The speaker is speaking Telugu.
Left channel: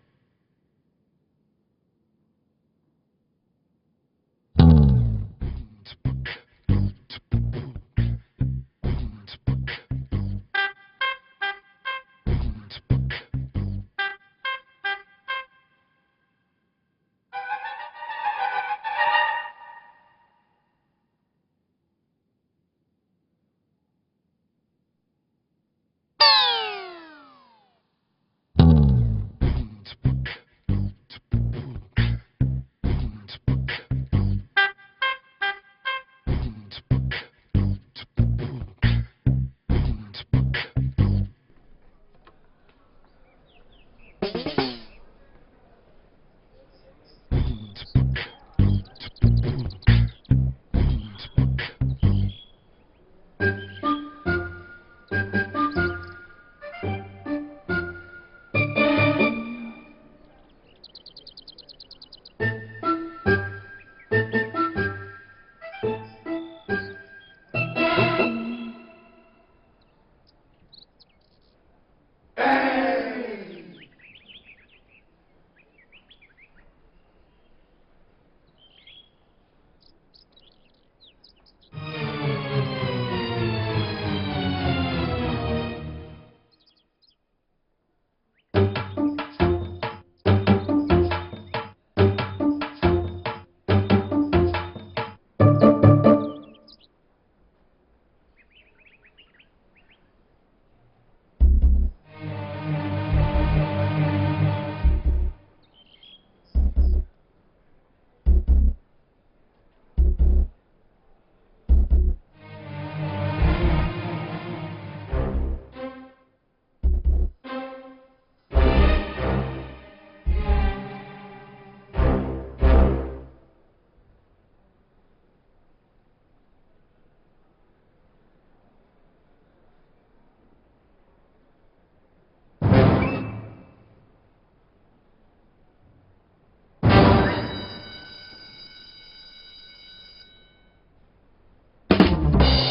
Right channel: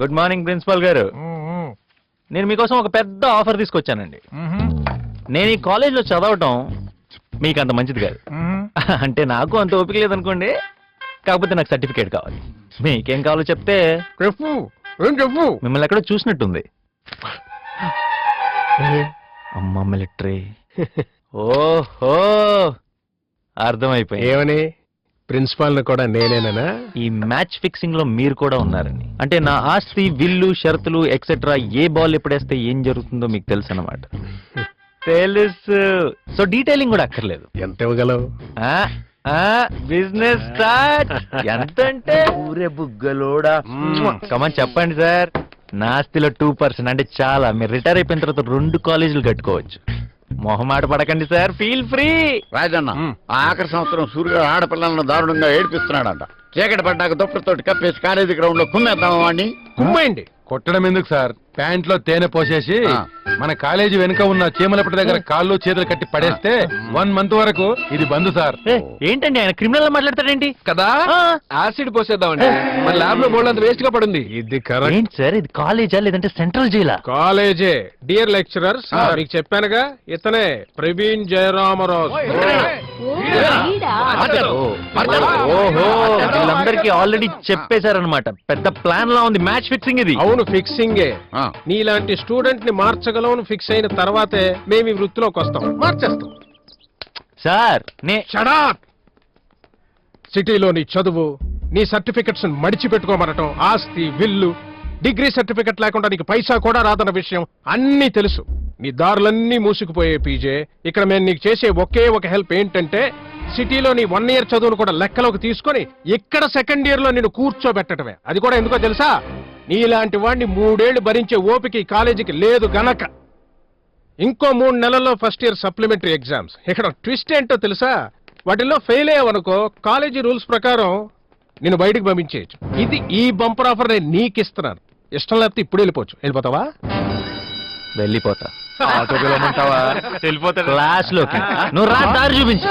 గుడ్ మార్నింగ్ ప్రిన్సిపల్ గారు. నేను మీకోసం ఒక పెద్ద ఆఫర్ తీసుకొచ్చానండి. నేను ఈ కాలేజ్లో చదవటం మీకు అంత మంచిది కాదు. అంటే నాకు అంత ఓపిక లేదనుకోండి. కాకపోతే నాకు సర్టిఫికేట్ కావాలి. మీకేం కావాలో చెప్తే చెప్పు మిమ్మల్ని ఎక్కడో చూసినట్టుంది. అమ్మ మిలిటరీ. ఓహో, అర్థమైపోయింది. ఏమని ప్రిన్సిపాల్ కూడా నేనేనా? ఈ మ్యాచ్ ఫిక్సింగ్ లో మీరు కూడా ఉన్నారండి. అంటే నా ఆస్తి, విల్లు, షరతులు ఎక్సెట్రా ఏ బాల్ ఎప్పుడేస్తే ఏం జరుగుతుందో మీకు తెలుసు అన్నమాట. తెలుసు. సో డీటెయిలింగ్ కూడా అక్కర్లేదు. ఎంత ఇవ్వగలవు? Business start. ఎంత అంటే ఊరే బుగ్గలోడా. కమన్ చెప్పండి సార్. నా ఆస్తిలో 2% అంటే చాలా. మీరు రిటైర్ అయిపోయిన తర్వాత 2 కాలేజీలు కట్టుకోవచ్చు. మొహమాట పడకండి సార్, ఫీల్ ఫ్రీ. రాజన్న ఆఖరి సంవత్సరం సూర్యుడు ఆడపిల్లలను దారుణంగా ఏడిపిస్తున్నాడంట. చీకటి పడ్డాక దుప్పటితోటి కప్పేసి కాలేజీ గ్రౌండ్ లో కుమ్మేద్దామా వాడిని? కుమ్మండి. కొట్టడం ఎందుకు సార్? ప్యాంట్ లో తేనె పోసేసి మన కాలేజీ వెనుక ఉన్న చీమలపటి దగ్గర కాళ్ళు చేతులు కట్టి పడేస్తే 1 మంత్ వరకు ఇది బంద్ సార్. ఏంటండి ఆయన క్రిమినల్ మాట్లాడతాడేంటి? కదా యాసిడ్ పోసేద్దామండి. మన ల్యాబ్ లో బోల్డ్ అంత వేస్ట్ గా పడింది. ఇది కరెక్ట్. ఏంటి సార్, ఇది కాలేజా లేదంటే సెంట్రల్ జైలా? కాలేజే. డియర్ లెక్చరర్స్, మీకు చెప్పానుగా ఇతనే ప్రవీణ్ జయరామరాజు. ఓహో, వీళ్ళందరికీ ఆల్రెడీ చెప్పేశారనమాట. పెద్ద ప్లాన్ లా ఉంది మ్యాచ్ ఫిక్సింగ్ ఇది. అవును, ఫిక్సింగే. నీలాంటి స్టూడెంట్ ని మార్చగలవని ఫిక్స్ అయిన తర్వాతే మేము ఈ వృత్తిలోకి వస్తాం. మార్చేస్తాం సార్. షడాప్. సిటీలో నీ చదువు, నీ సర్టిఫికెట్స్ మడిచిపెట్టుకోమనటం, ఆస్తి, విల్లు, డిగ్రీ సర్టిఫికెట్ లేకుండా నీకు పైసా కూడా రాదన్న విషయం అన్నీ తెలుసు. నీ దారులన్నీ మూసుకుపోయే పీజే. ఇక్కడ మేము నీకు చేసే ఒకే ఒక హెల్ప్ ఏంటంటే సిటీలో నీ 1 year చదువును కూడా లెక్కలోకి తీసుకొని ఇక్కడ 2nd year లో నిన్ను కూర్చోబెట్టడమే. అది కూడా ఎందుకో తెలుసా? నీలాంటి వాడిని 3 ఏళ్లు భరించే ఓపిక ఈ కాలేజీకి లేదు గనక. ఇంకో 3 నెలల్లో ఫస్ట్ ఇయర్ సప్లిమెంటరీ ఎగ్జామ్స్. ఇక్కడ ట్విస్ట్ ఏంటో తెలుసా? వాటిల్లో ఫెయిల్ అయ్యావనుకో కాలేజీ రూల్స్ ప్రకారం నిన్ను బయటకు పంపించేయచ్చు. ఇది ఈ బంపర్ ఆఫర్ నేను నీకు ఇస్తున్నాను. ఇష్టం లేకపోతే ఇప్పుడు వెళ్ళిపోవచ్చు. వెళ్ళిపోతావా? వెళ్ళిపోతా. వెళ్ళిపోతా క్లాస్ లోకి. నువ్వు రా, దారి చూపించు.